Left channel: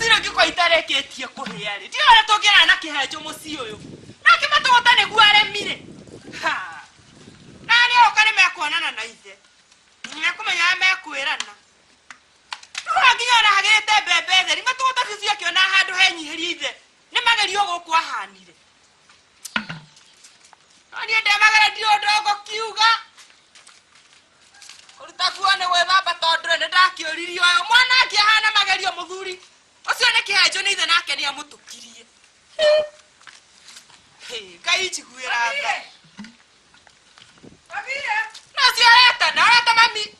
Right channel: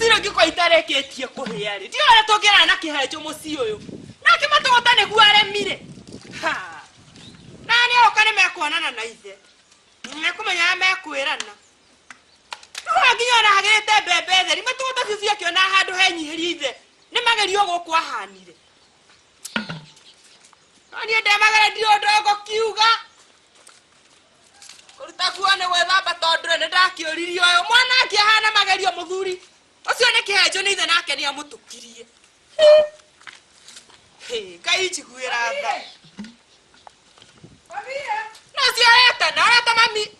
Isiro ngiko itareketie kuhia ri. Ndio ara tongera na kihenjo muci uyu. Nake matogota ne guaremire. Ha. Nani okane mekwonana na ithe. Nekumenya mekwirana. Nginya na hagete bebe theri matogota bicio kiona handu henyihirie ithe. Ni magerio guku ahanire. Ani ndemagera ndio ndogo kiuga. Utakuone wethamba tondre ne ndakiuririo uyu mwana akihana magerio muthuri. Ucio ne kihenjo ni ithe nake ni amutukirie. Ngai chiguira tha. Mamire. Nacio areta mami.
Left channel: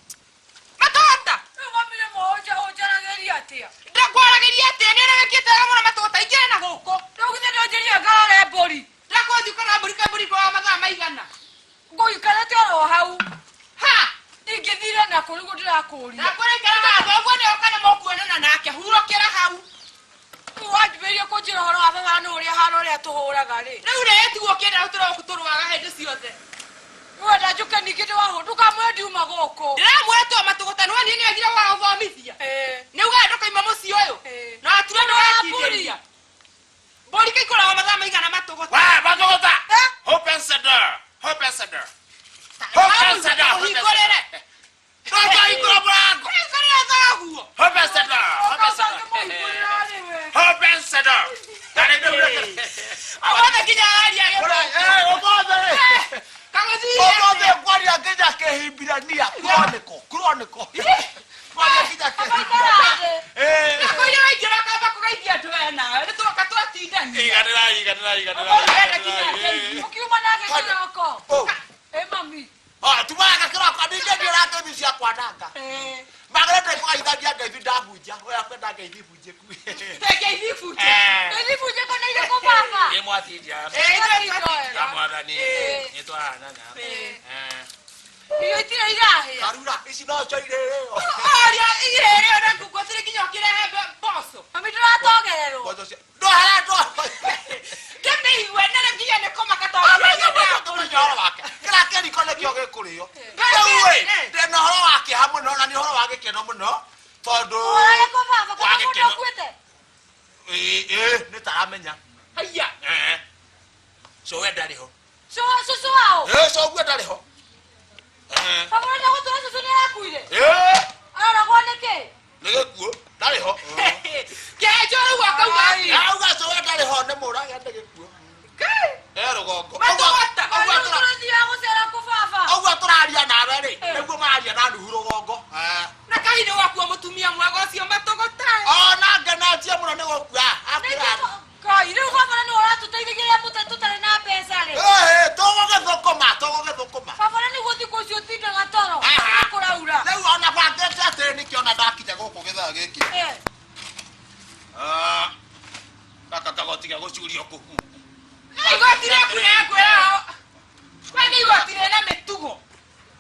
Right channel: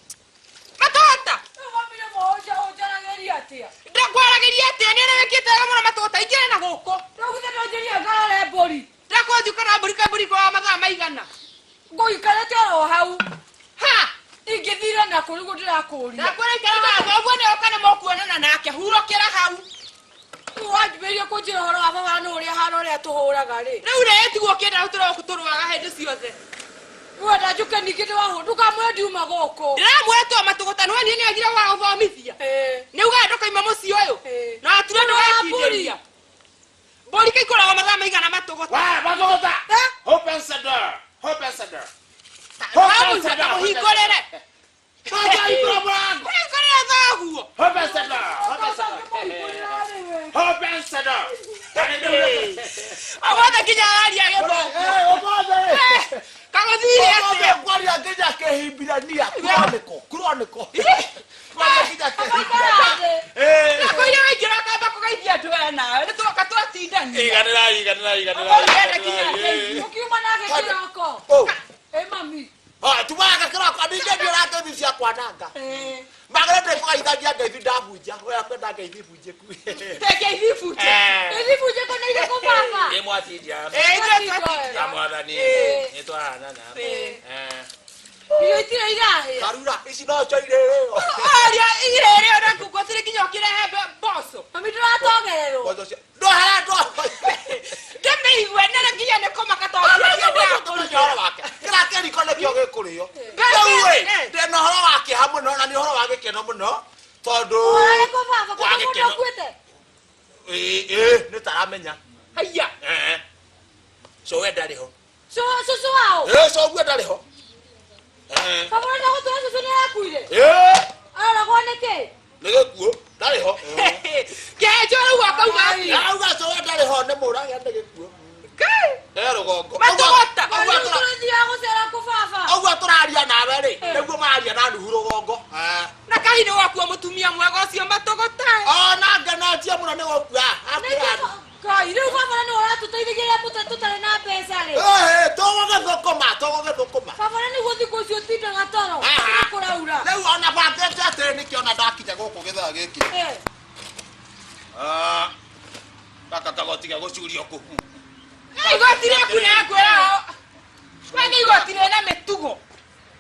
Matota. Mamire moja ojarageria atia. Ndakwarageria atia ni arekete gamona matota igere na guko. Ndoguthe ndojeria ngare mburi. Ndakwathi kana mburi kwa mathaa maigana. Ngoikara toro hau. Ha! Ingithira na kurugo ndirakuri. Ndakwereka haha uguo ni okane mokuonana nake hurokera hau. Wajiberia kunjira horo wa baba no uri hano uri atuhuraga ri. Riu retigwo kenda utoro kuturwaga hindi ciothe. Wenda njuke nikite waho ndukamwe ndiuma goko. Ndiramwetwo matugota no ni agira wa uthomithia. Ni uga ndokaima muci uyu. Na atura no wakiria. Bori kai kora wa mathaa maigana matugota. Wa matugota. Open the door. Open the door. Open the door. Hingorere. Kaya ikora bwangu. Hingorere zaguo. Open the door. Open the door. Awada kinyari agebo. Kagothire. Obe kwari ageja kehimbirania chronicle. Kwari ageja kehimbirania. Nako ile wagira kaba kugaithia twena. Ni tuka twatindani. Iganira. Ukiuma nake kiroko. Mami. Tuwaga kiroko ndije ndirate bisia kwananga. Magrete kwa idhagia ngeithi ndabunja. Oya kwenda ngeithi bunje ku. Ngeithi bunje kona ile ko baba. Ye mwatindia. Amwathani. Nitwana na. Iyo itira irahe. Karura ici no cho irereo. Aria irereo na kugotire kinyo kirehe boso. Mami ndiratongererwo. Boso. Ndo hara ndo. Kembe igwe nene kinya ne koma katongererwo wake. Kira keri kone kyo gikurio. Wewe ndena horo wake hamwe no na ni horo wake keno muno. Tondu. Ora ko baba ko ndo kwete. Ni taramenya. Haya. So we ndari ho. So wao. So gwe ndari ho. Baba ndo gotoa so ni akuire. Ara gwaneke. Nigekuo ndari ho. Kejo wakauga. Auga so we ndari ho ne murage ndegekuo. Rugongo. Matogota. Ogwa turaria nawe ri. Niguo maria na nuhu rugongo. Na kahini waku mutumia mwega ucio matogota. Na nganatia muno ni gokua. Kai riu baba ni uratuteithigia tutare na mbeca ri. Togoge thokoma. Baba ni guthi kucio tindaga toro. Kuraura. Riu ona bangete atiri nikiona ndakije guku githaa giki. Kaka kagotiga gucurio kuhu. Igotire kuna kwao. Wani igotire na metugo.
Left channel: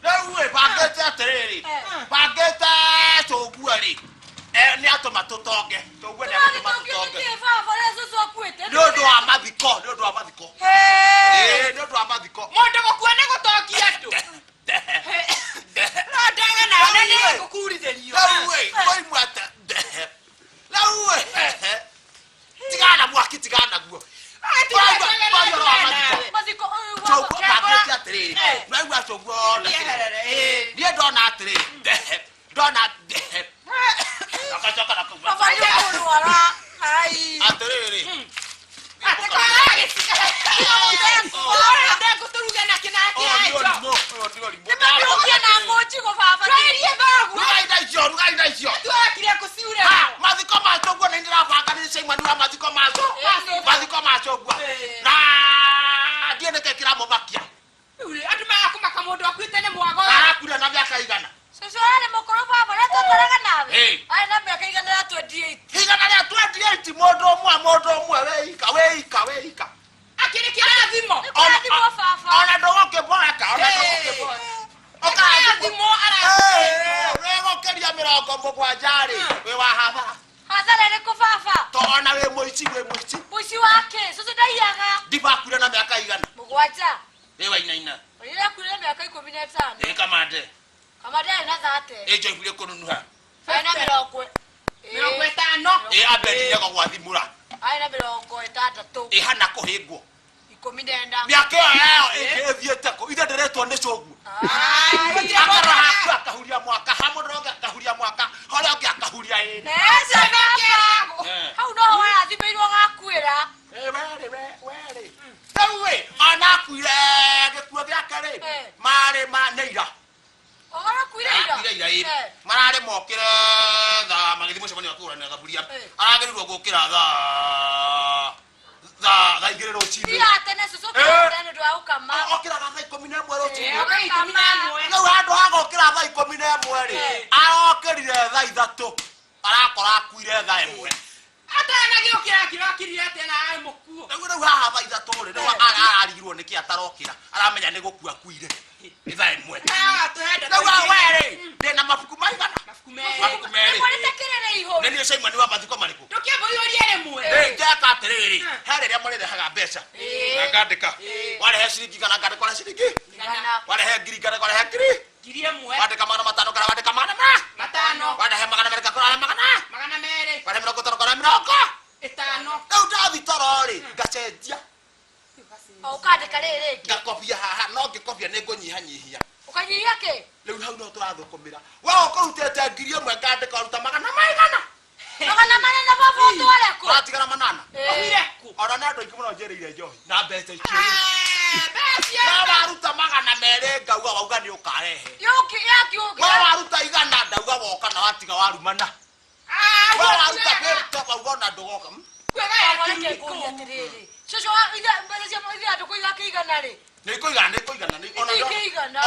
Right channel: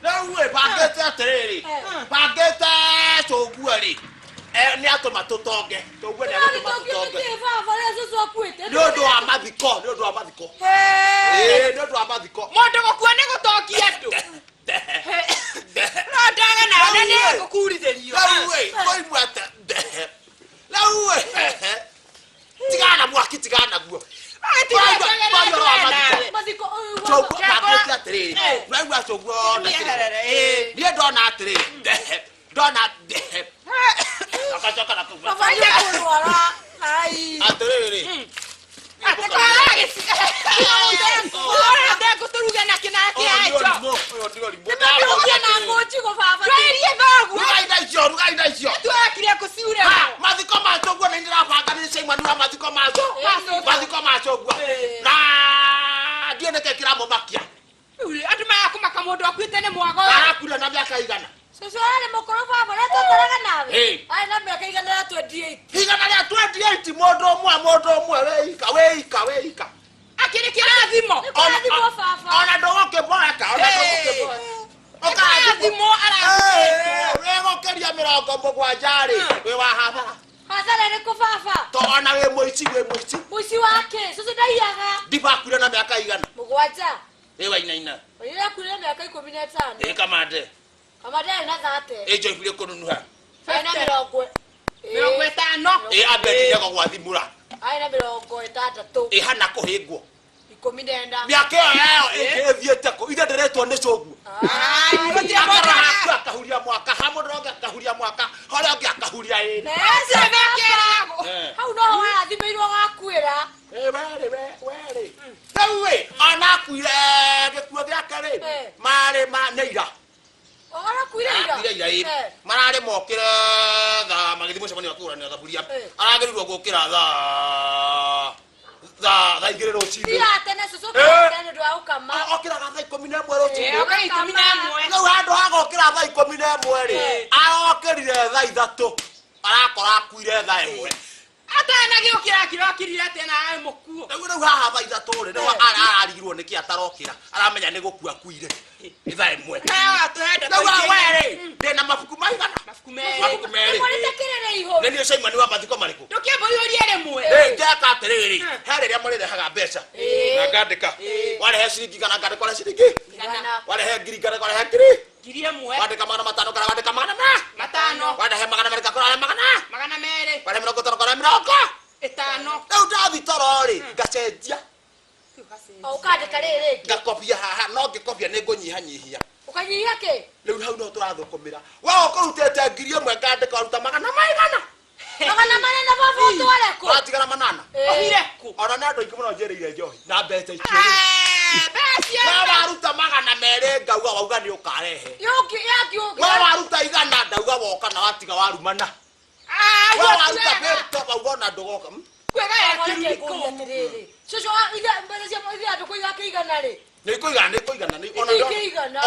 Na uwe bagete atereri. Bagete chogua ri. Ni atoma totoge. Togwe ni atoma totoge. Ni baba lezo so kwete. Ndodo amathiko. Ndodo amathiko. Mondo gokuane gotokia andu. No ndaga na nene gukuritherio. Na uwe koi mwata. Na uwe. Tigana mwaki tigana guo. Ejo ifile konunuha. Faina miroko. 50 abedi yako kwa thimura aina 60 ihana kuhingwo 19 miaka yao ikithiete ko ida ndiretwo ni coguo akahuria mwaka hamudroge akahuria mwaka horia onge akahuria ina hau no wa thimirwo gakwira were tawe anakuire gikuo giake ri mari maneira ora kuira marare mokire tha magithimo cemani wakurania thaburia aragerirwo gukira tha igire rucini ya tene susu tene ndo aukama okira tha 11 rucini no handu hagokira tha 11 ri arokirire tha 3 arakora akuire tha 1 atana giukira kirokirire atena mukuo rĩu haha tha 3 ri no ararigirwo niki atarokira aramenya ni gukua kuire tha 1 rĩu were ndina mabuku maigana mabuku meri nĩ Simon wa mathiko marĩkũ ndũkĩmbũyũrie rĩmwe ngeka atĩrĩrĩ he rĩrĩa mũrĩrehaga mbeca na ngandĩka warehe ciringi kana ngandĩka warehe ciringi warehe ngiri ngandĩka warehe ngiri ĩmwe wandĩka 500 kana wandĩka 500 warehe 200 kana warehe 200 warehe 50 kana 50 rĩu ndathi toro rĩ ngacenjia ukandĩka rĩrĩ ngakobia haha no ngĩkobia nĩ ngũnyihanyihia ukanyihia kĩ rĩu hau no tũrathukumĩra wewe ũkũrutĩte ngiri ĩmwe ngandĩka waruta 100 maigana manene baba utware ku watigara 8 ohire ku ona nĩ andũ aingĩ mũno njereire njohi na mbeca ikĩrĩ waruta 200 ngauga wauga nĩ ũkarehe waruta 100 ndauga woka na watiga warumana waruta 50 wauga na ndũgoka kwega ya kiriko Shosho ida mbele cia moithi atu kuiga kigana ri. Ni kuigana ni ona ndo.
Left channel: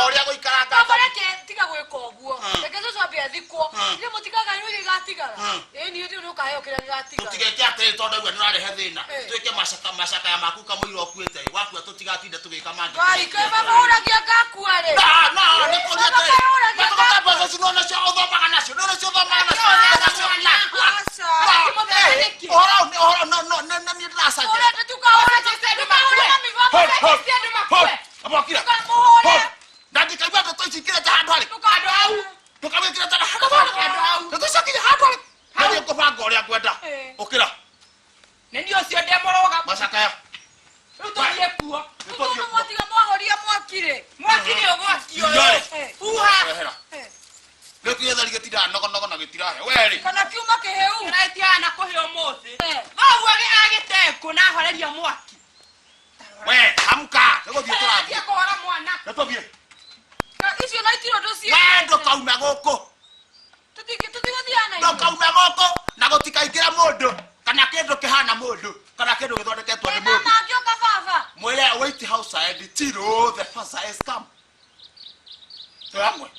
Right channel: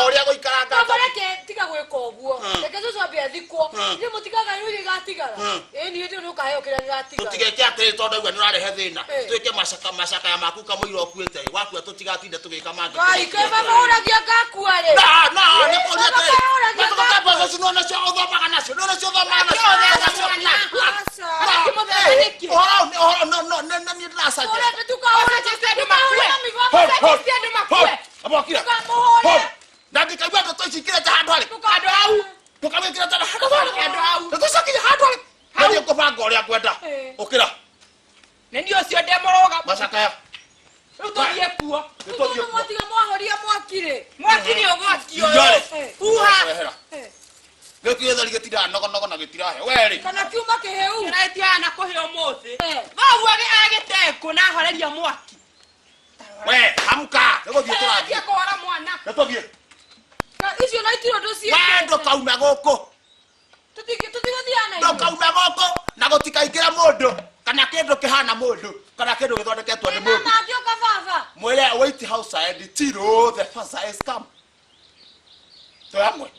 Oria guikaranga. Kabareke tiga gwika uguo. Reke shosho ambia thikwo. Ni mutigaga ni uthi gatigaga. Ni uthi no kahe okira gatigaga. Tutigeke atiri tondu igwa ni rarehe thina. Twike macaka ya maku kamwiro okuite. Waku tutigatinde tugika mangi. Kai ke baba uragia gakua ri. Na ni kuria ati. Matoka pesa sino na cio thoma nacio. No cio thoma nacio. Ora no ni rasa. Ora tukaora chestedo makwe. Abokira. Ndandika gwa to chikira cha handu ali. Tukado au. Tukamekira ta handu au. Tusakinya handu ali. Hadi ko banga uri akwenda. Okira. Ndio cio ndemoroga. Macaka ya. Tuthie kuo. Tuthie mwatiga mwahoria mwakire. Mwakire ogwakio. Uha. Lekire thari gitira nogo na gitirahe. Weri. Kana kiuma kiheu. Kiraitia na kuheo mothi. Babu agiteko na horeria mwaki. We, amka. Nĩgũthiĩ tũrathiĩ. Kũhora mwana. Nĩtũthiĩ. Icio na itiro dosie. Wendo kauma gũkũ. Tũtigũthiana. Ndo kauma gũkũ na gũtikaingĩra mũndũ kana kĩndũ kĩhana mũndũ kana kĩndũ gĩthondeketwo nĩ mũndũ. Mama akĩoka baba. Mwĩre White House and Tiro the first is come. Tũramwe.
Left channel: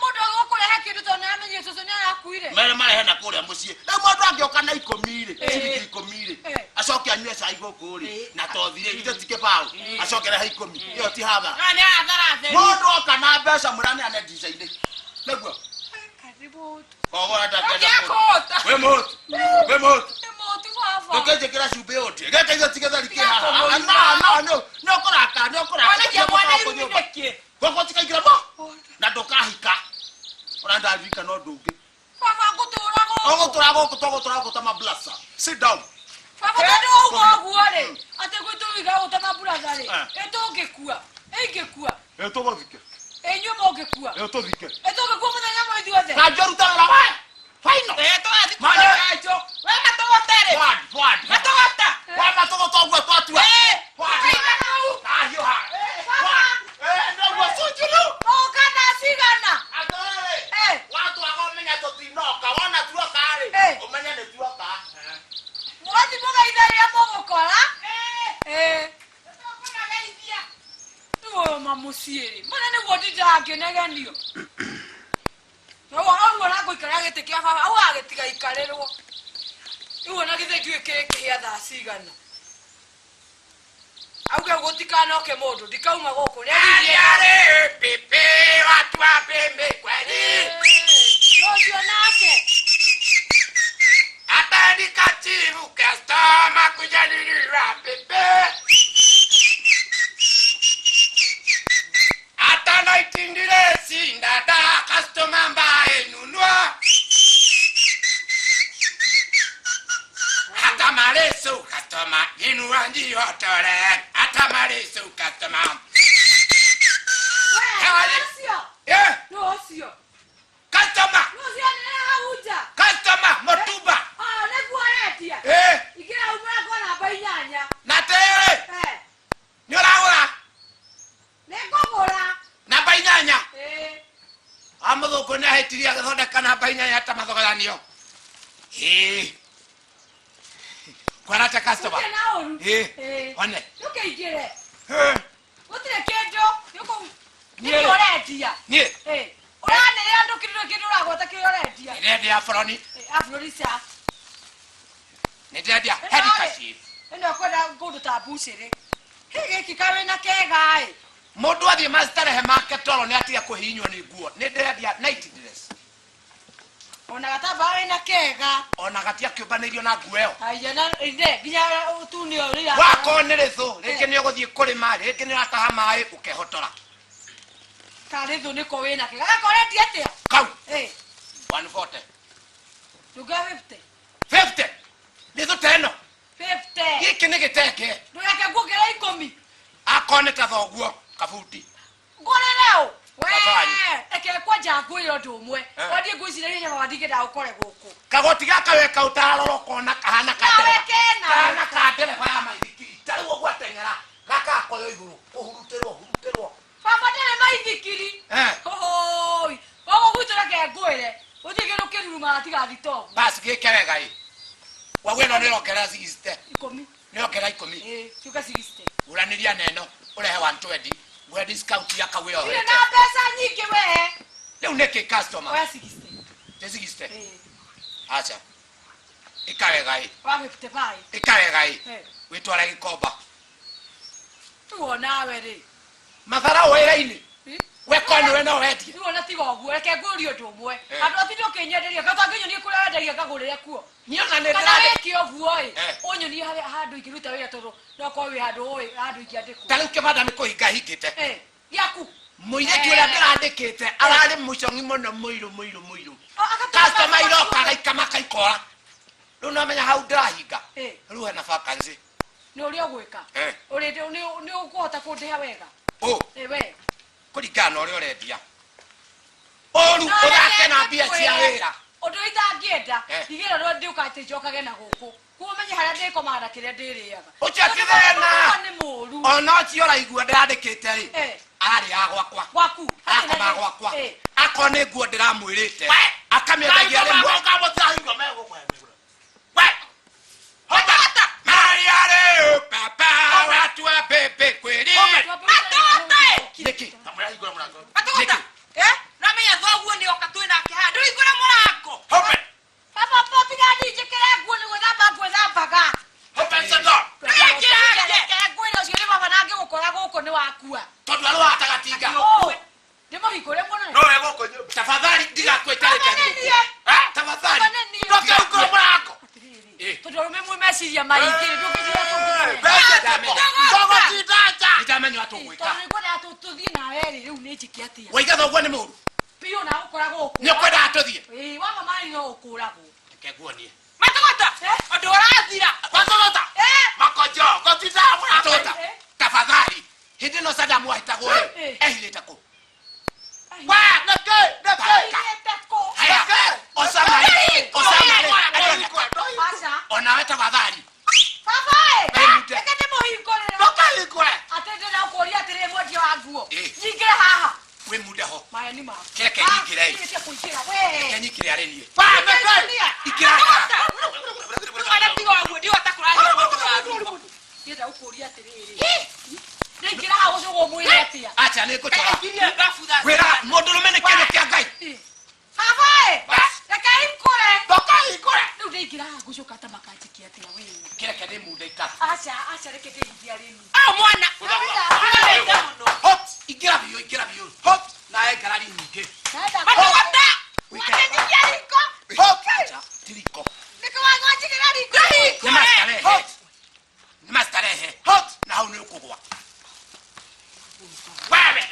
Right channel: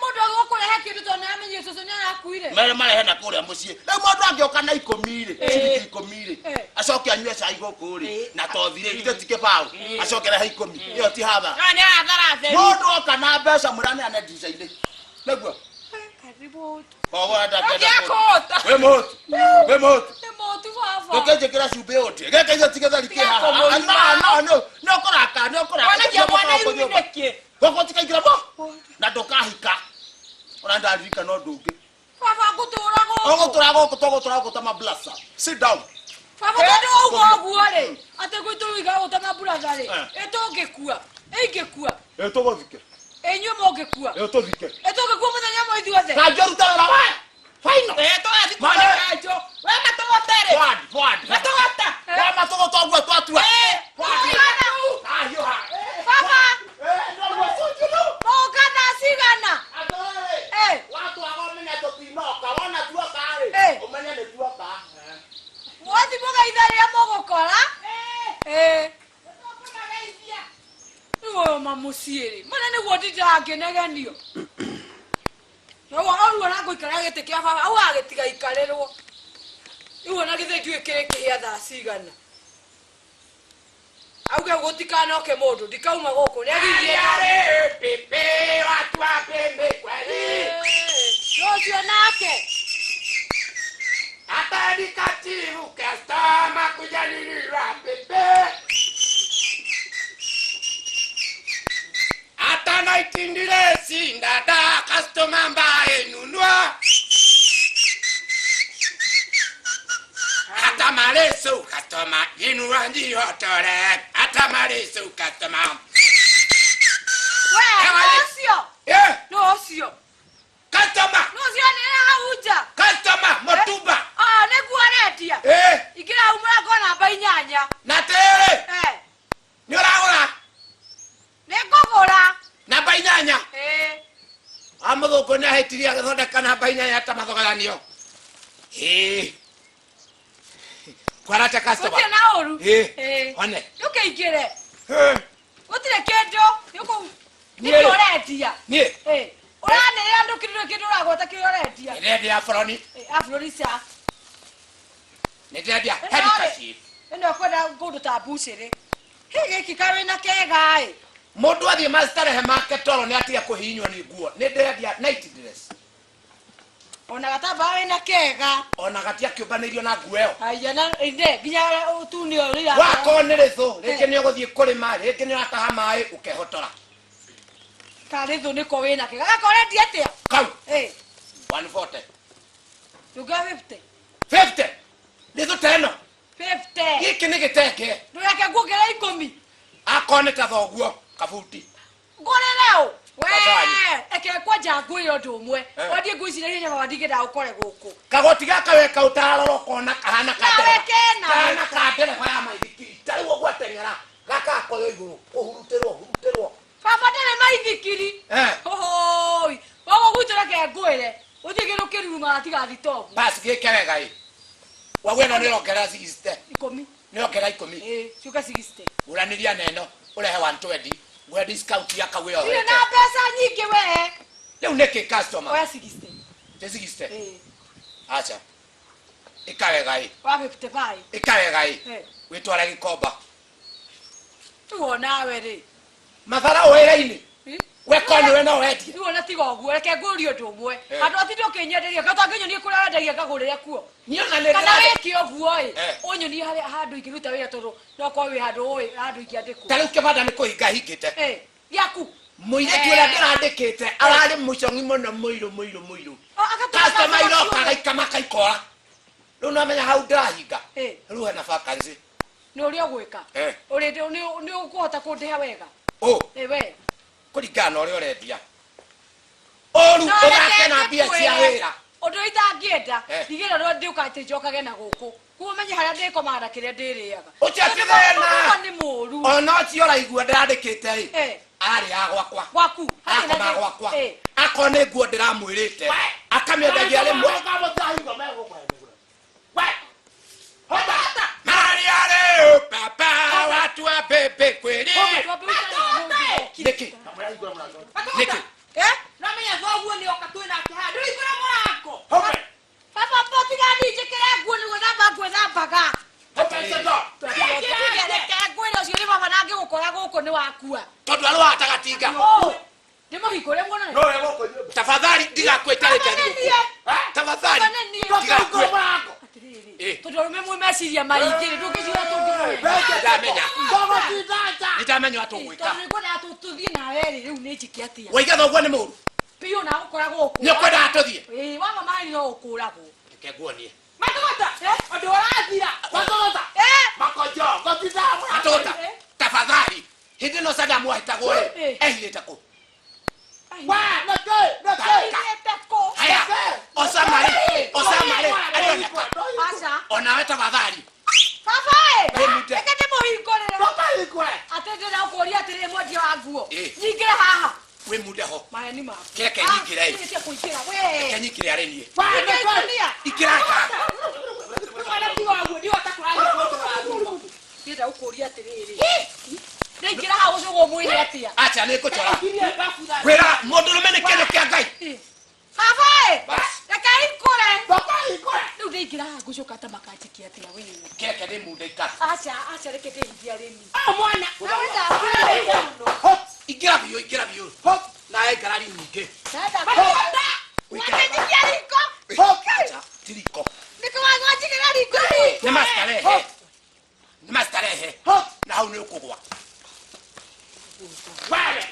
Mũndũ agũkũrehe kĩndũ tondũ nĩamenye cũcũ nĩ arakuire. Mere marehe na kũrĩa mũciĩ. Rĩu mũndũ angĩoka na 10 rĩ, ciringi 10 rĩ. Acoke anyue cai gũkũ rĩ na tothire ithe tikebao. Acoke rehe 10. Iyo ti hatha. Nĩ athara theri. Mũndũ oka na mbeca mũrane ane ndica-inĩ. Nĩguo. Karibu. Ogo ndakenda. Ngĩakũhũta. We motu. We motu. Nĩ mũtu baba. Ndũkĩnjĩkĩra cumbĩ ũtĩ. Geka ithe tigethari kĩ haha. No. Nĩ ũkũraka. Wanagia mwana iru nĩkĩ? Gũkũ tikaingĩra mo. Na ndũkahika. Ona ndarika no ndũngĩ. Baba gũtũra gũkũ. Tũgũtũra gũkũ ta mablasa. Sit down. Baba ndũ ũguo rĩ. Atĩ gwĩtũruiga gũta mablasa rĩ. Ĩtũngĩkua. Ĩngĩkua. Tũgũthike. Inyuĩ mũngĩkua. Tũthike. Ĩtũngĩkua mũthenya mwa ithuothe. Kanjũ ruta wĩra we. Final. Tũgathiĩ kũrĩa kanjũ. We matũgũtere. Forward. Matũgũta. We matũgũta ũguo twatua. Ahiũha. Baba. Nĩguo cunjuru. Mũka thaa cigana. Atĩrĩ. Watu wamenya tũtinoka. Wona tuoka rĩ. Ũmenye nĩ tuoka. Mwathi mũgeitha rĩrĩa mũgũkora. Nĩguo mamuciĩ rĩ. Mana nĩguo ndingĩnegenio. Oruo na gũikara gĩtĩ kĩa baba. Au agĩtiga ikarĩrwo. Iwo na gĩthĩ ithuĩ kĩrĩ kĩhĩa thaa cigana. Auge gũtikanoke mũndũ. Ndikauma gũkũ. Nĩagithie. Pepe watu wa pembe kweli. Rũciũ nake. Atani katibu kastoma kujadiliwa pepe. Atana itindire sindada kastoma mbae nunua. customer inu wanji hotore atamari su customer no sio customer ni hauja customer motuba ne kuaretia ikira umra kona bainyanya na tere ni ora ne kogora na bainyanya amuthungu ni ahitiria githondeka na bainyanya ta mathoganio kwarata customer na oru one yuke igire utire kendo yuko ni oretia ni orane yando kido ragota ki oretia ni ndi afroni afronisa ni ndi head kashi eno kwenda godo tabusire hege kikawe na kegai mundu athie mastarehe make toro ni atia kuhinywa ni nguo ni ndi night dress ona gataba ina kega ona gatia kiubanirio na nguo yo aya na inde ginya utunio rira wako ni rithu riki ni uguthie kurima riki ni urataha mai ukehotora karithu niko wina kega gakoreti atia kau 140 tuga 50 lithu teno 50 giki ni gitenge ndureke ngugera 10 akone ta thoguo kabuti ngorereo we eke kwaja ngwiro ndumwe wadi ngwicire nyama wadige da ukore guku kagoti gaka weka utaroro kona kahana kana kadere kwa maithiki tariwo gwatengera gaka koyo iguru uhuruterwo baba ndere maithikiri hoi wago gutura ke ngwire utigiro kiruruma atiga thitobu basi gikewega wagweno ni rokera 60 10 ni rokera 10 chuka 60 uraniria neno urehe 120 gwe discount ya kawe yo ile na pesa nyingi we leo neki customer oya 60 60 acha ikawega wa 55 ikawega witwara gikomba tuona we ri mathara wera-ini wekone we no wetie tuona tigo guo reke ngurio ndumwe andu atindo kinyenderia gatangenyo ni kura wendagia kagurire kuo niona ne kana weki oguo onyo ni handu ingiruta wira toro no kwa wi handu ingiandikwo tari ukibanda ni kuhinga hingite yaku muireti uria ndirandikite arari mucongi muno muiru customer iroka gaikama kaikora riu no menya hau ndirahinga riu hena vacancy ni uria gwika uri ni ukuhota kundiha wega we kuringana na uria urendia oru uthake na mbia cia wira undu itangienda ndigire ro ndiukate njokage na guku kumenye haria ndikomanda kiria ndiriaga uciakithena ni muru ona ciora igua ndirandikite ri ari ya gwakwa gwaku akoma gwakwa akone nguo ndiramwirite akamiendagia rimwe Mariare papa watu wa bebe kweli niki na menya thoguo ni okatwe na kihando ikora murako papa poti gani jekere nguo ni gwethamba gwethambaga ngwira ucio ni baba nangi gukora guku ni wakua tondu aru atagatinga ni muhikore muno no we guko nyumba tafadhali ndigakwetare kendu tafadhali ndigakwetare murako tudorume mwe meciria maingire ndukijira tungirore ndamenya ndamenya watu gwika ngona tuthie nawe riu ni njiki atia waiga thoguo ni muru pio na ukora guku ni kwenda atuthie wama mari no ukuragwo keguonie matogota andu arathira matogota makojo gotita matogota tafadhali hindi no sada mwahitagwo ehirite ku wa nako haya osamari aliona asa ona tafadhali papa ekete muhingorera atendera ukuria atire mwendia wa nguo nyingire haha we muda ho maya ni ma keke nyingire we nyingire arenie ikiraka kana tigo wangu ndio atakuranya mtu ndio ukuria atire ngira haha ucogo mwiri atia acha ni kuchora wera mundu rumene kene kia ngai papa ikure ndio ngira gucoka tamakajikia atia we keke ni muda ika acha reke ndia reni mwana awenda hop igira biyo hop na egarari nyinge matogota watejikia riko hop tiriko niko wajigira riko ni mastarehe hop na hau ni ukugwa wewe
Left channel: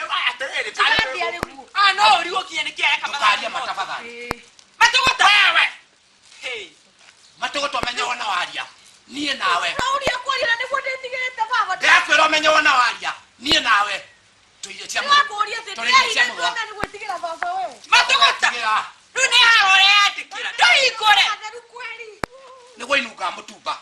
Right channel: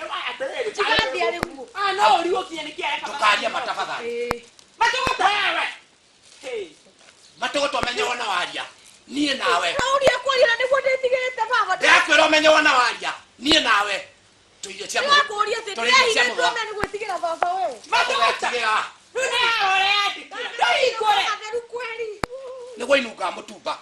tigandi ari nguo no uri ukie ni kia tukaria matafadhali matogota wewe matogota menye wana waria nie nawe Rauria kwari na niguo nditigirite baba ndakwira umenye wana waria nie nawe tuire cia mugo kuria te ndihire ndome niguo tigira baba wewe tigira Rudi haro yandi. Doi kore. Adaru kweli. niguo inuka mutumba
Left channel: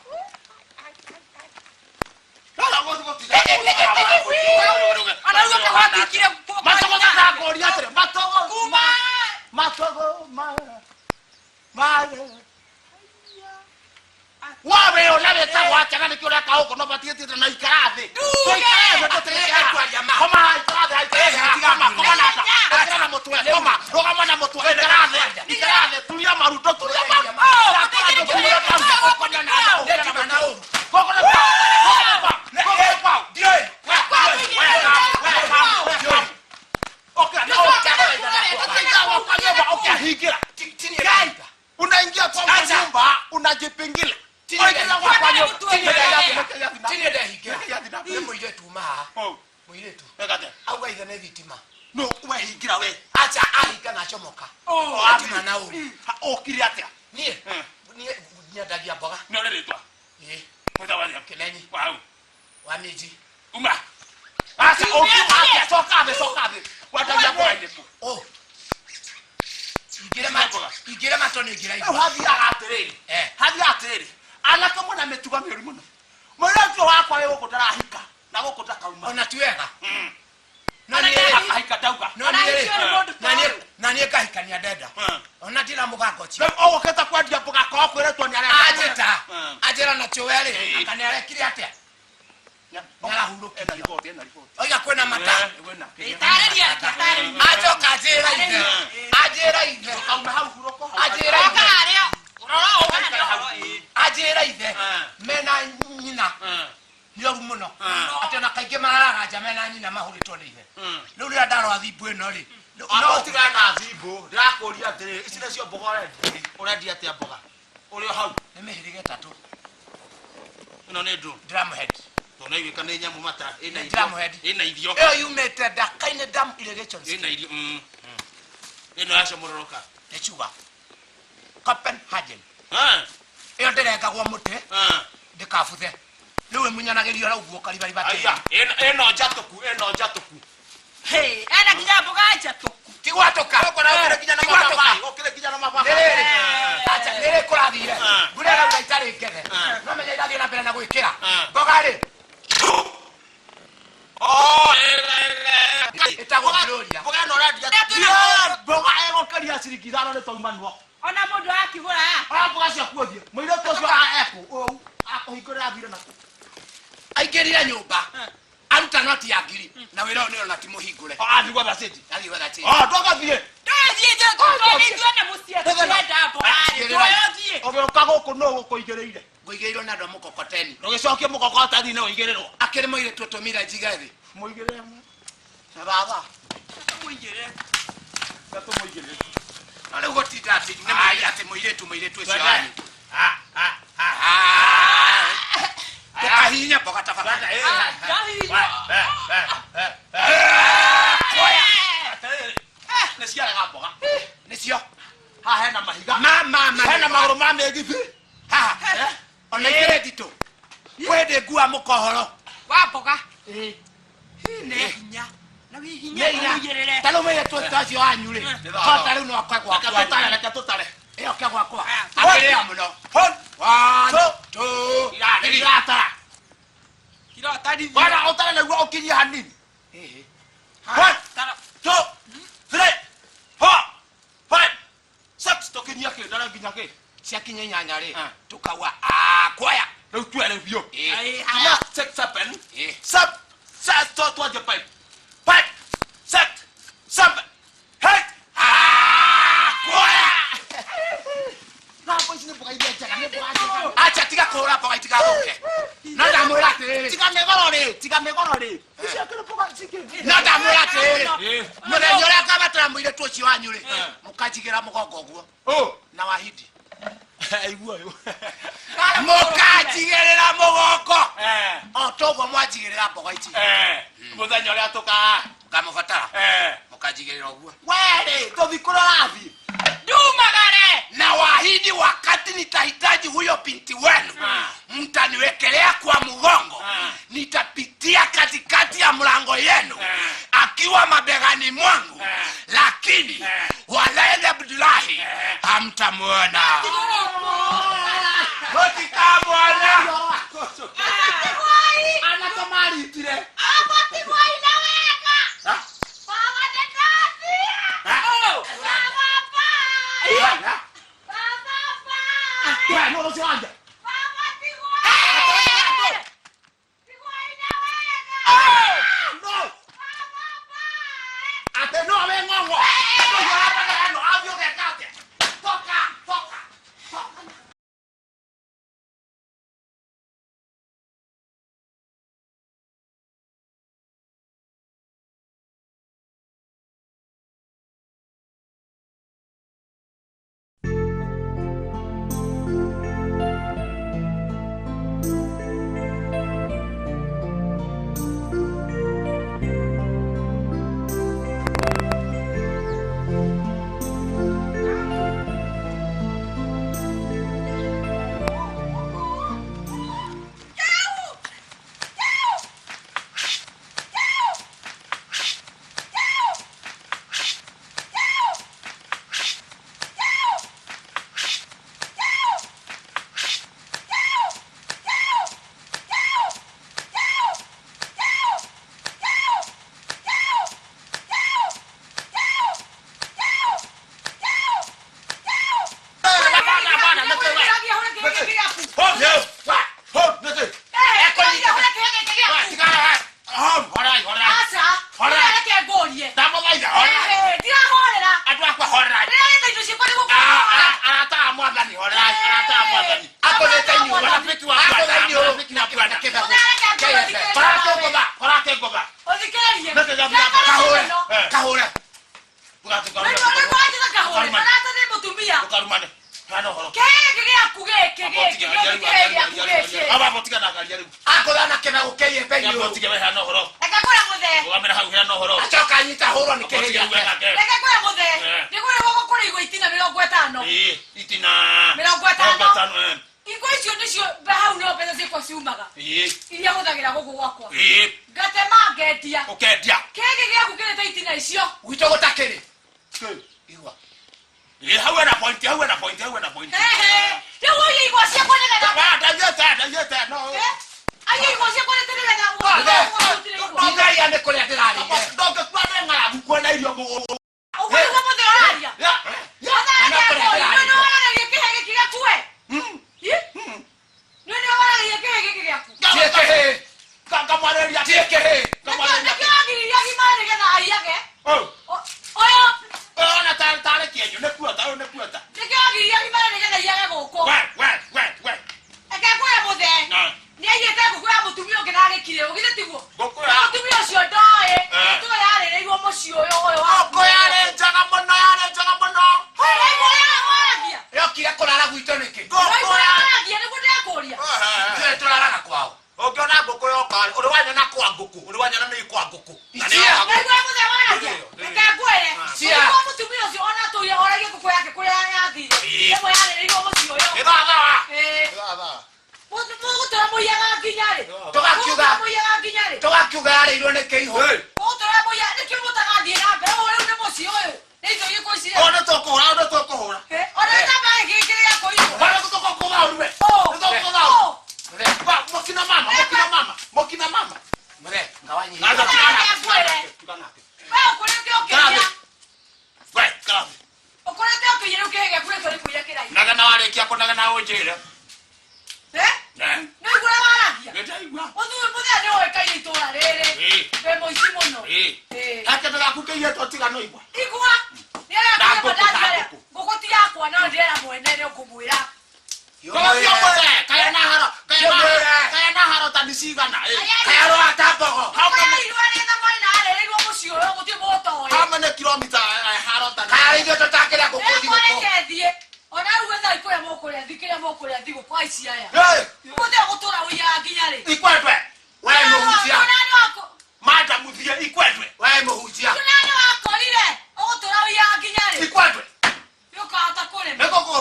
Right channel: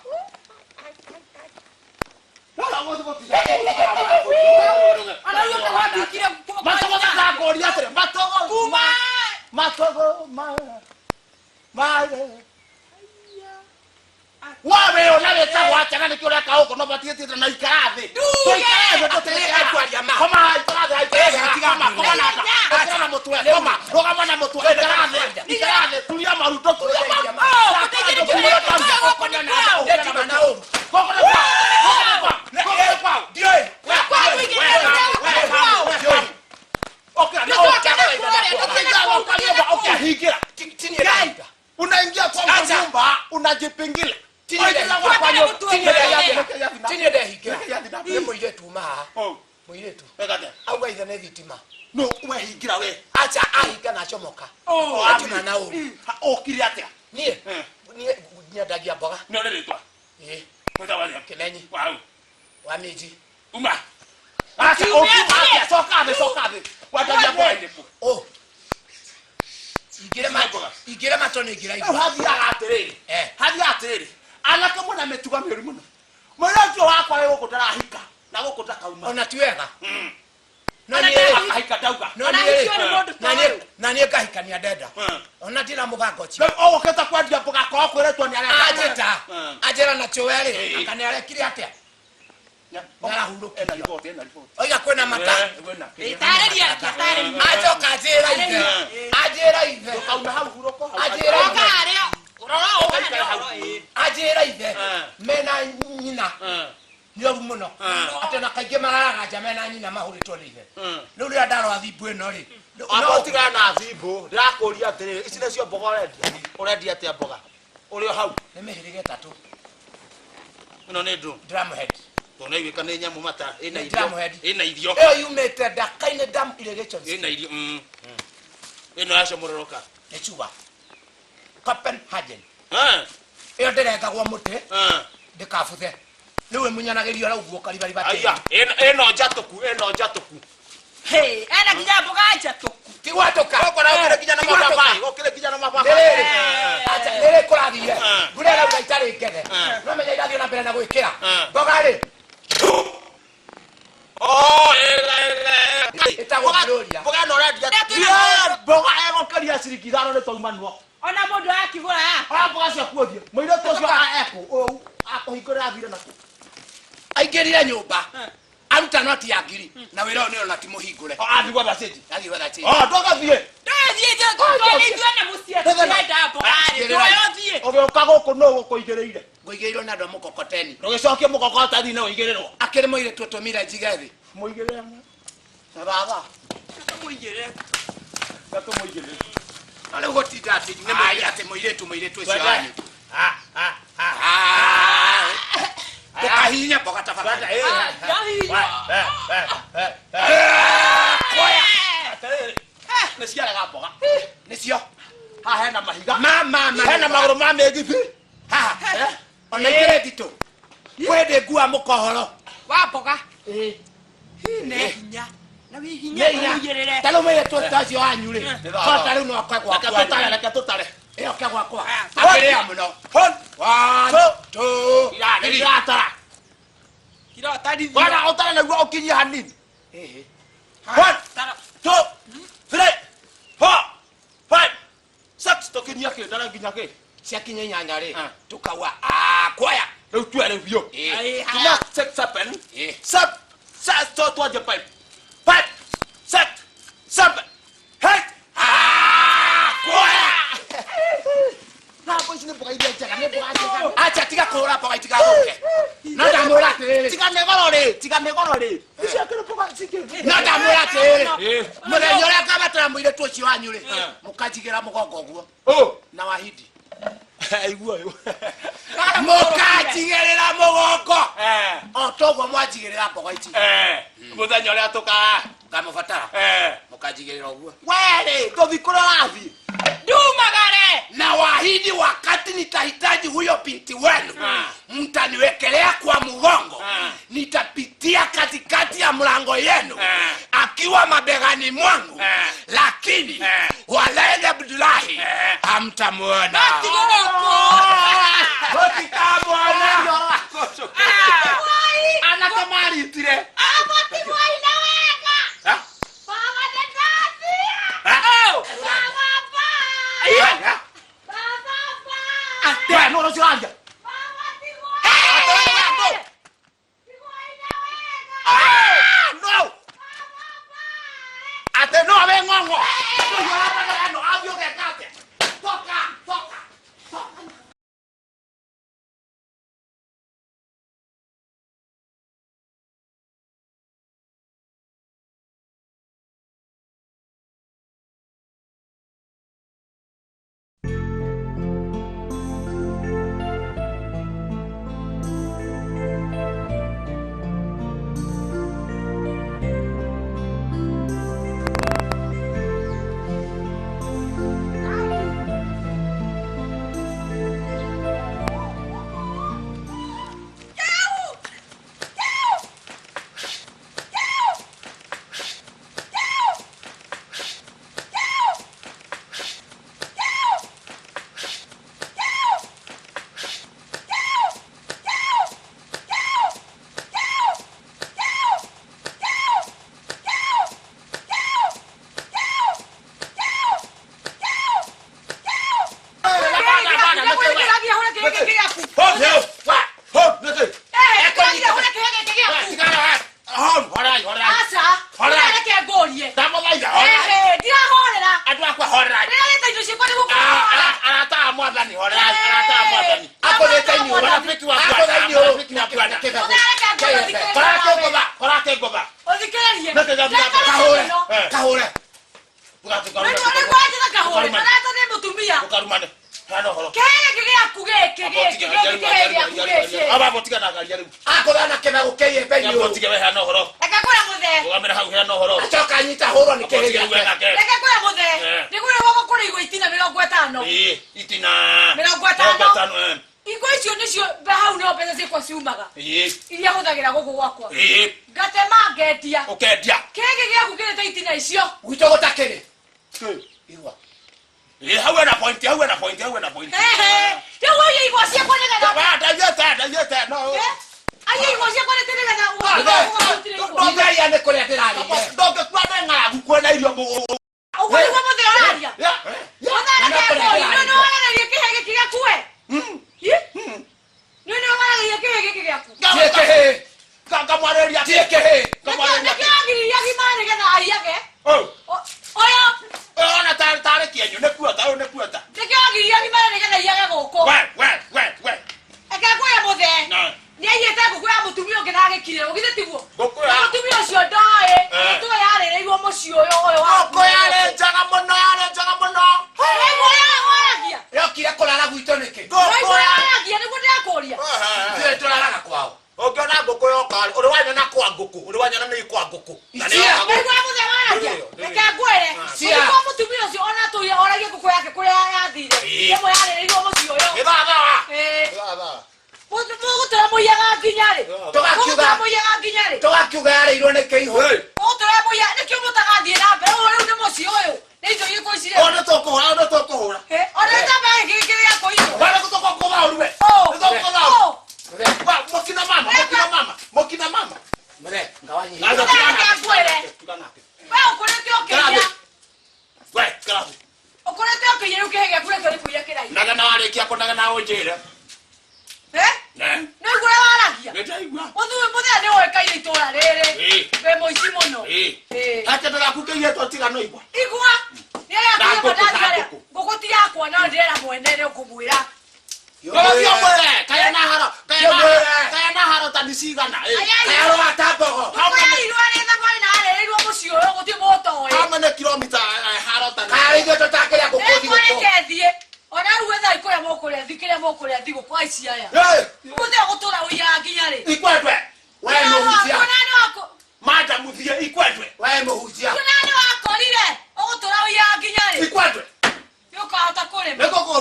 wawe unaweza kuacha ni kile kao kuna batie tena na ikarathi tuikarathi tutelea kwa jamaa kama ikarathi haitega kama na mtu wewe kama roga na mtu ikarathi tulia maruto tulia unaingia kwa nyumba unajipingilia muiretu auga ithe nä thitima no wehingira we acha ahinga na comoka atima na uri okire atia nie nyendagia mboga no rirĩtwa Kimenyi wa mĩnji uma acha okire coka thĩ wendagia mboga irĩkũ ingire matone ingira igua hathiaga atiriri anake muna mituga mĩũru mũno mũirĩtu wakwa wĩ gũkũ ndarahika na gũkũ ndakauma ona ti wega no niĩ ngahikania ndenda ona ndĩra mũganga ũcio ũgũkĩte kwendia mboga korwo kwĩrĩtwo nĩ anjĩra nacio werĩ anga nĩ arekire atĩa nĩarahurũkirio oiga kwĩna mata acoka anjĩra ithe tũkauma hau hurũko anjĩra ithe mena nyina nĩ oru mũno atĩ ona kaingĩ mararaganja mena nyina mahũrĩtwo nĩ ithe rĩu rĩrĩa ndarora thimbũ ĩno rĩ no tigana na thimbũ ndĩrakũria atĩrĩ ici nĩcio mboga ũrendia atĩa mboga ũrĩ o hau nĩ mĩhĩrĩga ĩtatũ ĩno nĩ ndũ ndramhead tona iweka nĩ nyamũ mata ĩna irio ĩyo yumĩte Ndaka-inĩ Dam irrigation ĩna irio ĩno yacomororoka nĩ chuga Copenhagen ĩyo ndĩrengagwo mũtĩ ndĩkabuthe rĩu ĩmunyanagĩrio hau guo karibariba ĩno njatũku ena nginya mboga njatũku tigwatũka gũkĩrĩ nginya na mababaĩ nĩrĩ kũrathire mbura ĩrauga itarĩ ngethe no menya irathiĩ na mbere na gwĩkĩra mboga rĩ ĩtagwo gloria mboga ĩno ũrendia mboga ĩgũkĩria ciringi 5 nĩ twaumanwo ona mũndũ akĩgũra ona mboga ciaku ũthiĩ mũirĩtu ũcio ekũ akũhingũrĩra thire naku aingĩrire nyũmba aruta noti ya ngiri na wĩra ũyũ nĩona ti mũhingũre athiĩ gwetha cĩnji ndũgathiĩ ũgĩũka gũkũ nũ gũkũigĩrĩire ngũigĩrĩirwo nĩ andũ a mũkokoteni ndũgĩcokie mũkokoteni-inĩ ũigĩrĩrwo akĩrĩ mũirĩtu ũtũmire njige thĩ mũigĩrĩre baba gatũmũigĩrĩre no rĩu gũtinda atĩ atĩ mũirĩtu ũcio wanyu tukahinya mboga tafadhali nĩciaraga mboga nĩcio haha hena mahiga hena magũrũ ma mĩgithi haha ona ikĩrĩ nditũ kwendĩ ngua mũkohoro wa mboga nĩ hinya na wĩ hinya ũigĩrĩre tarĩu mũirĩtu ũcio wanyu rĩ kota rĩu no akwe gwakwa reke tũtare ĩyo ke gwakwa akĩrĩa mũno 1 2 iratara wana utara nĩguo ũkinyie hanini 1 2 3 4 5 6 tũkinyia kĩndara nginya kĩ ciakinya 8 rĩ tũkaua kuoya rĩu twere biũ tuma 6 7 7 twanjie 5 6 7 8 kuoya hapo ici nĩ mboga iria njega nĩ mboga njega acha tiga kũhũra mboga itigathũke no ndamwĩra atĩrĩrĩ tiga mĩgoro rĩ iciakĩrĩ mboga cingĩ no ndamwĩra atĩrĩrĩ mũthenya ũrĩa ngabatara mũirĩtu ũcio wanyu rĩ mũkanjigĩra mũgongo ũguo na wahindi aigua mũkanjigĩrĩra mũgongo o toguo mwanjigĩrĩra mboga ici mũthenya ũrĩa ngamũbatara mũkanjigĩrĩra ũguo werĩ tũthi kũrĩa ũrathiĩ ndumagare na wahindi Ili wakati nitahitaji huyo binti wenu, mtaniwekelea kwa mgongo. Nitapitia katikati ya mlango yenu akiwa mabegani mwangu, lakini Walaila Abdullahi hamtamuona. Hotika bwana. Anatamari tire. Abati boy na weka. Baba tetati. Baba ba. Baba ba. Ate no sio anja. Baba ti boy. Ti boy na weka. No. Baba ba. Ate no ve ngongo. No yo hapa no avio que cate. Toca.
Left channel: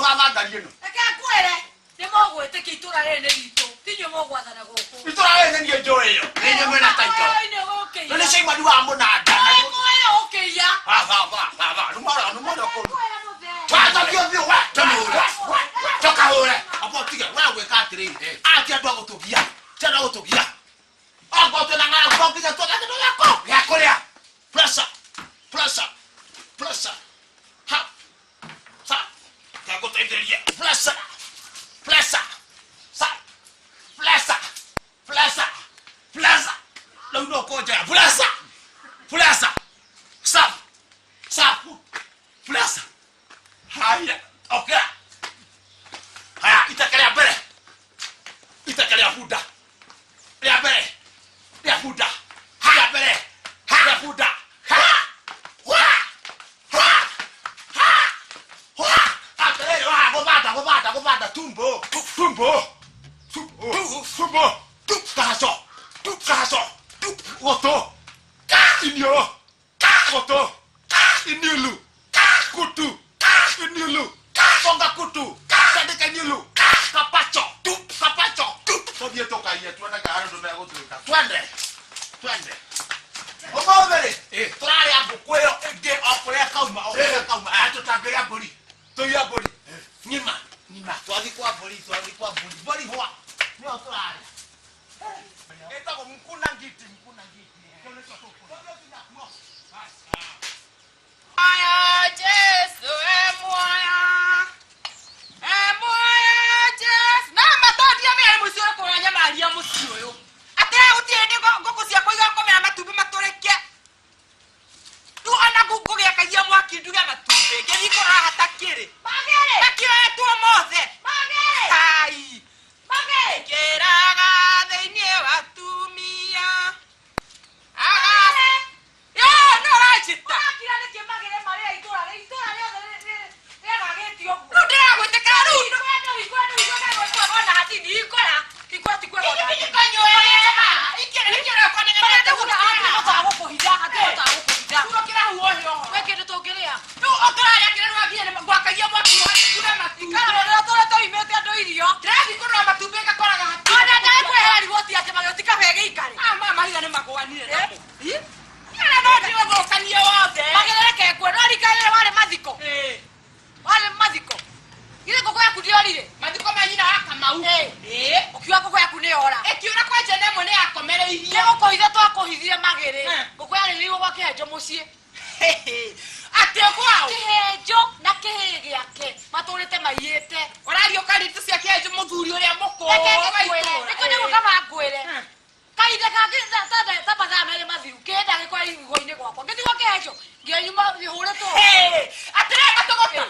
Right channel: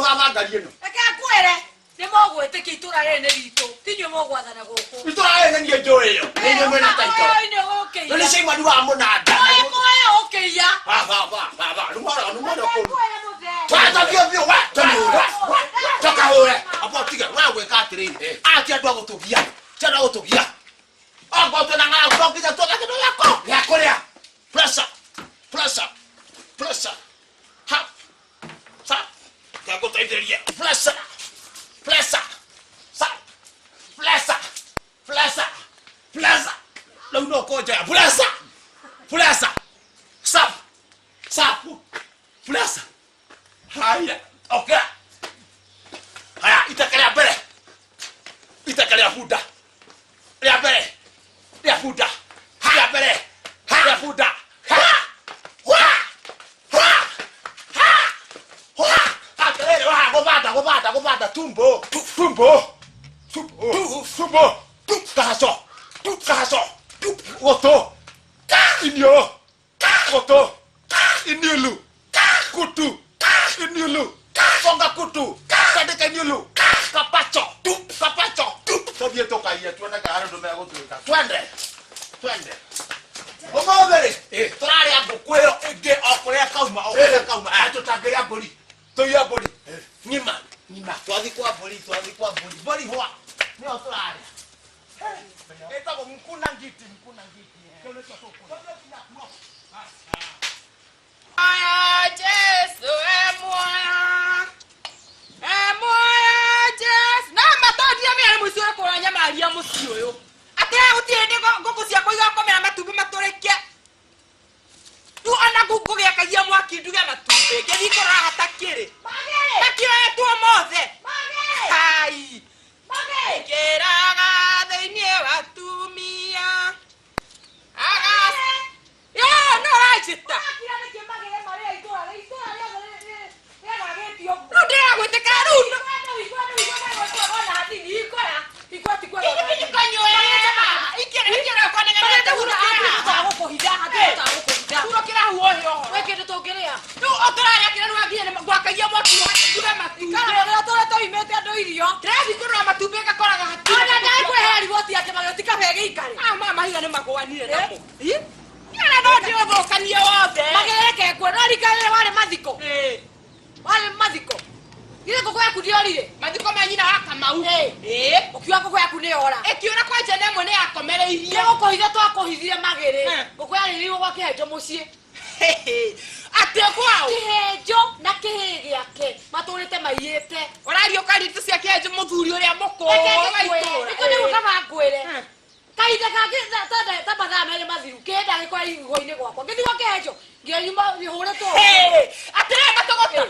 baba ngarieno akakwere ni mogwete kitura rene rito tinyo mogwathana guku itura rene ni njoyo ni mwena taito no ni shima duwa munada oyo okeya baba numara ko wata kio wa toka hore abotiga wa we ka tire ati adu agotogia tada agotogia agoto na ngala bokiza toka kido ya korea pressure ha sa agoto iteria pressure no koja pressure stop pressure haya okay haya itakalia buda ya bere haya bere haya buda gobada tumbo kaso oto inilu kutu inilu songa kutu kadeka inilu kapacho tobie toka hiya tuenda garo ndo mego tuika twende omobere trari abukweo ege okore kauma atotageria bori toya bori nyima twathi kwa bori bori hoa ni otrari eta ko mkuna ngiti kile toto aya Jesu emoya Jesu na matodia mere musio ko nya maria musio yo ate utiende ngoko cia koiga komera matumbe matoreke tu ona gugu ya kayia mwaki nduga matumbe ngethi kora hatakire makio yetu mothe hai keraga theinie watumia yo no rajita Ile koko yaku ndiorire. Mathiko manyina wa Kamau. Ukiwa koko yaku ni ora. Ekiura kwa jene mwene yakomereirie. Goko hithe twakohithire magere. Koko yari riwo kwa kihenjo mucii. Ate kwao. Kihenjo na kihigi yake. Maturite maiyete. Orario karitu cia kihenjo muthuri uria muko. Niko ni gukaba ngwire. Kaide kage ta mathaa mere mathiru. Kenda giko igwo-ini gwakwa. Ngithi gwa kihenjo. Ngianyuma bihuritwo. Ate matogota.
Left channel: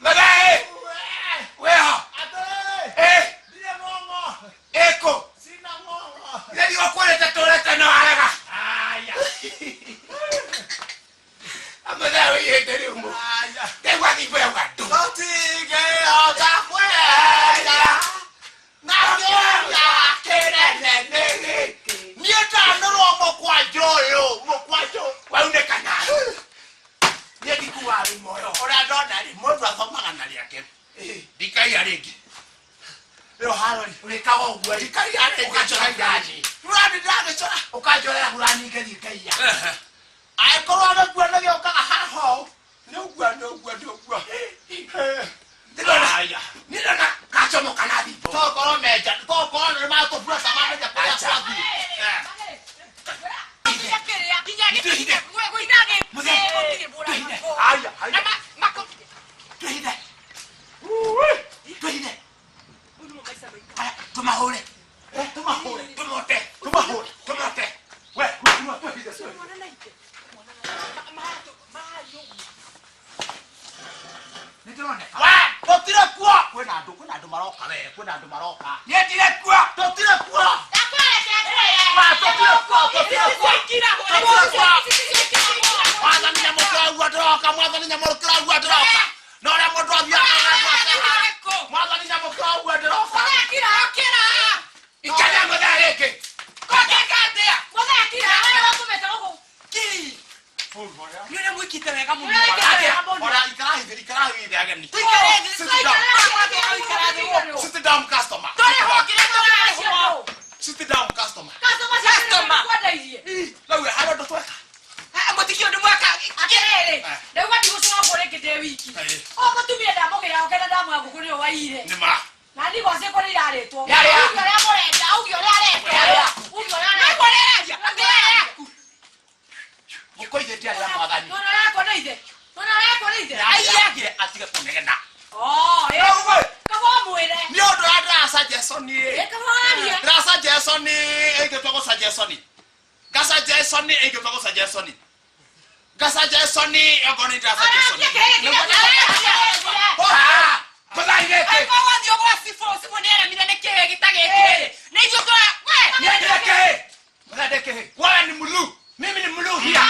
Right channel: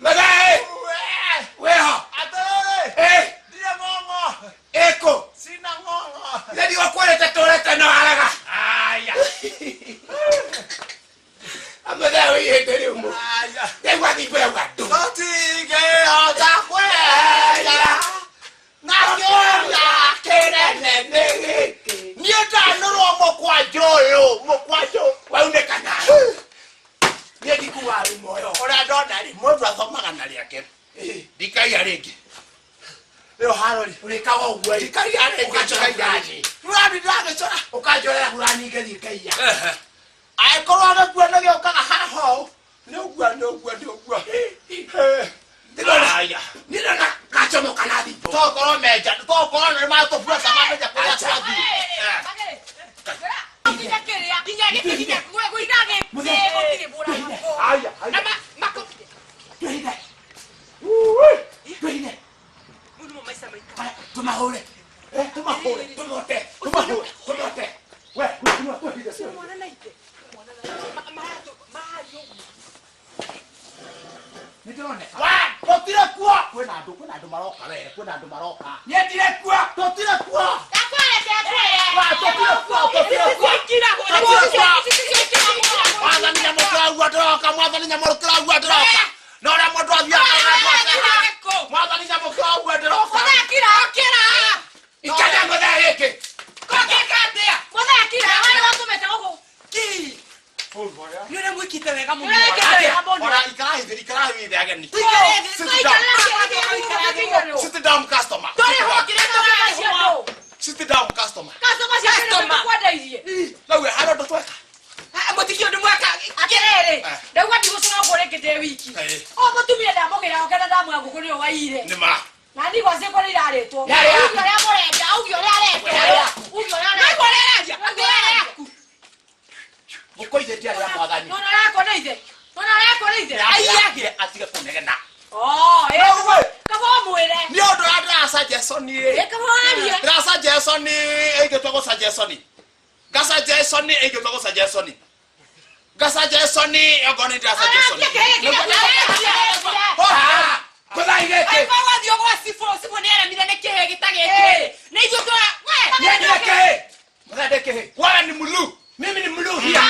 Magae! Weha! Atore! Dia ngongo! Eko! Sina ngongo! Jadi wakwale tatoleta na haraga! Aya! Amada wewe ndio mbo. Aya! Dewa kipe watu. Otige oga kwaya! Nakoya kenene! Nieta noro mokwajo! Waunde kana. Yedi kuwari moyo. Ora ndonari mundu athomaga na riake. Dikai arenge. Leo harori. Urikawa ugwe. Dikai arenge. Ukachoka yaji. Urani ndage chora. Ukajora kurani ngedi kaiya. Aikoro agakuana gyo kaga haho. Ni ugwa. Aya. Nilona kachomo kanadi. Tokoro meja. Tokoro ni mato fura samame ja kwa sababu. Tumahore. Nĩndĩroneka. Wa, totire kuo. Kwĩna andũ maroka we, kwĩna andũ maroka. Niendire kuo. Totire kuo. Wa, totire kuo. Mwathani nyamũkĩragua ndĩroka, Mwathani nyamũkĩragua ndĩroka. Na ũrĩa mũndũ athiaga Mwathani nyamũkĩragua ndĩroka. Ikada mũtharĩkĩ. Kokekatia. Nione mwikite wega mũno. Ora ikarahi ageni. Sit down customer. Sit down customer. Lawe hano ndo tweka. Mutikio ndu mwaka. Akerere. Ndagwa ndigucira ngore ngite wiki. O mutumia ndamugira okena ndamwa ngukuri o waire. Nima. Na ndi gwa ceko iraretwo. Ugi oria murenda, ugi oria arenda. Ugi oria arenda. Mukoithe ndiari ya Mwathani. Nona yako neithe. Aiyagire atige kunegena. Kabo mwire. Ni undu andra suggestion Kabo aria. Ndra suggestion eigitwo suggestion. Gasa Jason eigitwo suggestion. Gasa Jason ogoni ndra suggestion. Kũthaigĩte. Kwa dio kwa sifo ni ara mira nekehe gitageke. Ni ithio twa we. Niendeke. Mũthadeke. Wewe ni mulu. Mimi ni mlu hia.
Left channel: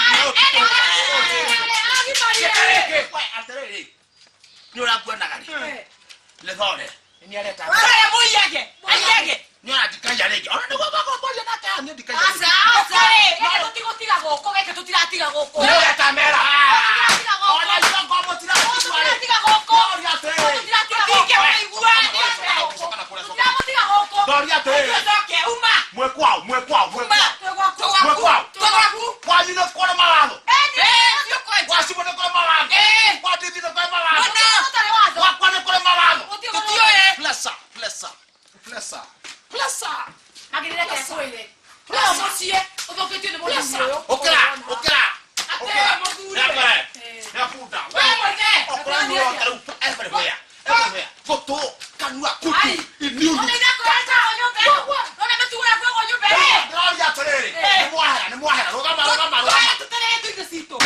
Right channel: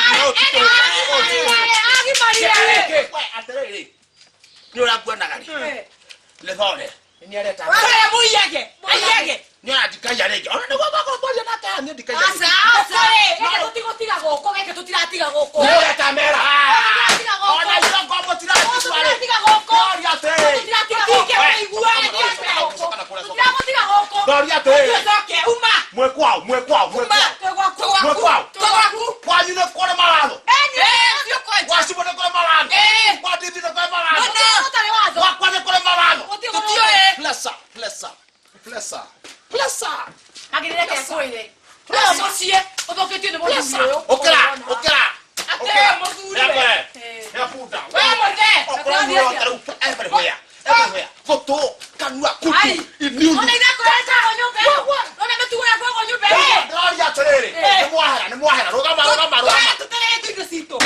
Ni uragua nagari. Le thore. Ni areta. Sare muyage. Ayage. Ni aradikaya rege. Ona niguo gwakoria na ta ni dikaya. Asa. Eke tutiga goko, geke tutiratiga goko. Ni areta mera. Ona ndio ngombo tiratiga goko. Doria te. Tutiratiga goko. Iguani. Tutiratiga goko. Doria te. Zoke uma. Mwekwao. Twaku. Kwani no kore mawatho. Sio kwa. Wasibo ne kore mawatho. Kwa titi ne kore mawatho. Utari wazo. Kwa ne kore mawatho. Tutio Plesa. Agirira ke koire. No musie, odoketio ne musie. Okra. Ate mozuri. Yafuda. Wewe morde. Okra everywhere. Foto kanua kutu. Iniu. Ona ina kwenda onyombe. Ona metuwa kwa onyombe. Doria terere. Ni mwahera. Rogama. Tutere tu ndosito.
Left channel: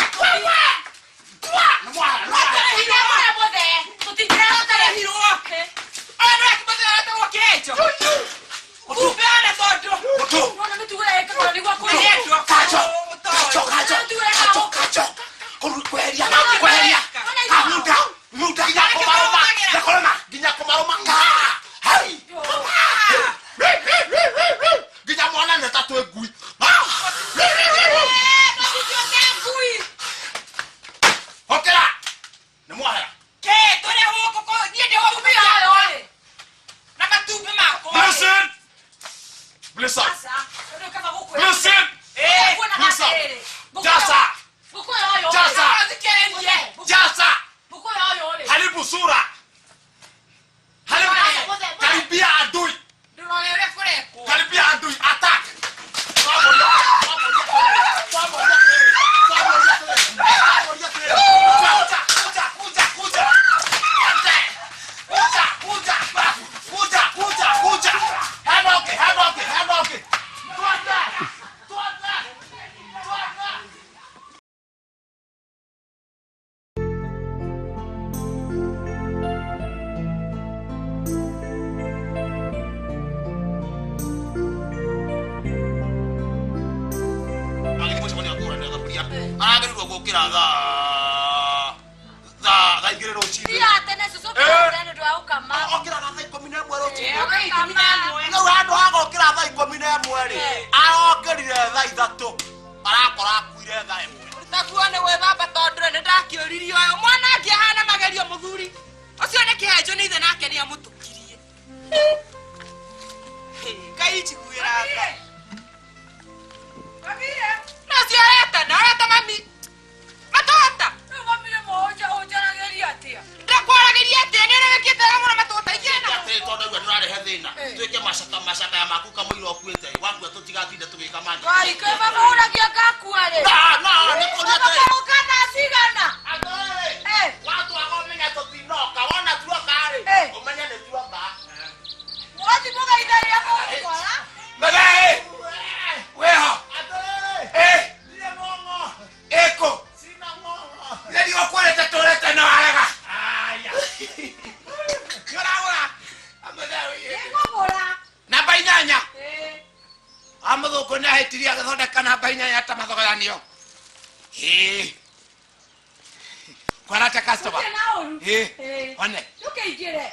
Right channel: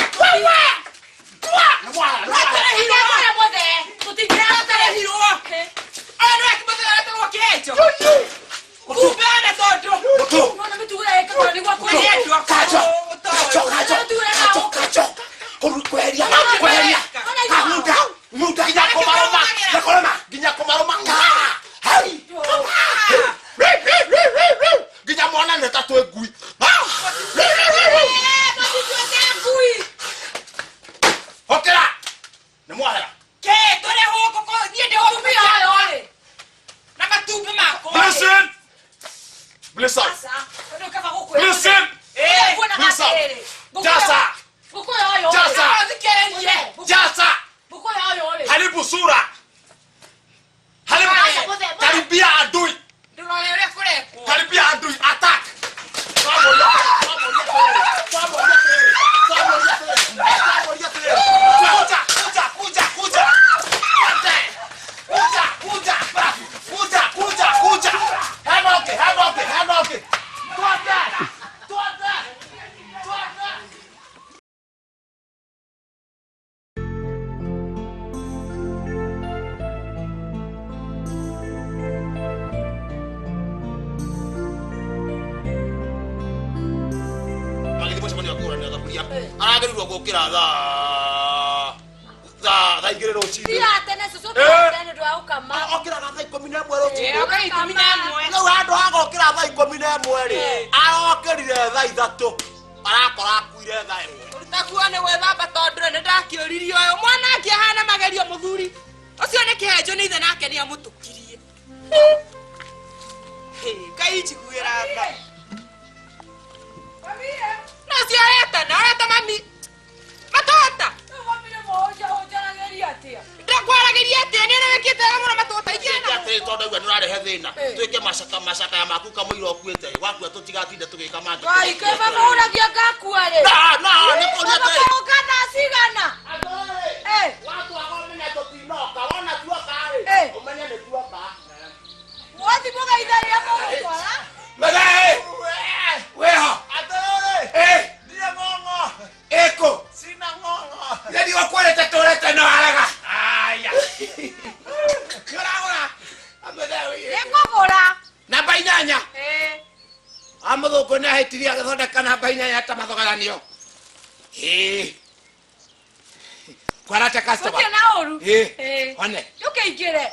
Ni mwahera. Ina kwa mode. Tutijira tare hiro wake. Ana yakimata hata kwa kecho. Kupeana toto. Ona metuwa eka kwa ni kwa kwa. Kacho. Kurukwelea. Muda ginya komaroma. Hai. Ginya mwana neta to egui. Okera. Ni mwahera. Ke tore huko kwa niende huko pia wale. Na matumbe mako. Listen. Listen. Listen. Jasa. Haribu sura. Karibia adui. Karibia adui. Attack. Kuja. Hanoke. Tuanda. Aragĩrĩirwo gũkĩra thaa igĩrĩ rũcinĩ. Okĩraga thaa 11 rũcinĩ. Rĩu handũ ha gũkĩra thaa 11 rĩ, arokĩrire thaa 3. Arakora akuire thaa 1. Takuone gwĩthamba tondũ nĩ ndakĩũririo ũyũ mwana akĩhana magerio mũthuri. Ũcio nĩ kĩhenjo nĩ ithe nake nĩ amũtũkirie. Ngai njiguĩra tha. Nacio areta mami. Matota. Ndakwarageria atĩa nĩ ũrekĩte mũno matota igĩna. Tondũ ũguo nĩ ũrarehe thĩna. Twĩke macaka ya maku kamũira ũkuĩte. Wakua tũtigatinde tũgĩka mangĩ. Ai, ke baba uragia gakua rĩ. Nĩ kũrĩa Kana cigana. watu wamenya tũtinoka. Wona tuoka rĩ. Ũmenye nĩ tuoka. Wathi moga idari hapo utwara. Magae. Weho. Ndiye ngongo. Eko. Sina ngongo. Ndio kwa leta toleta no haraga. Aya. ngogora namba 8 amũthũngũ nĩ ahĩtirie agĩthondeka namba 8 ta mathogeranio kwarate customer na oru one yuke igire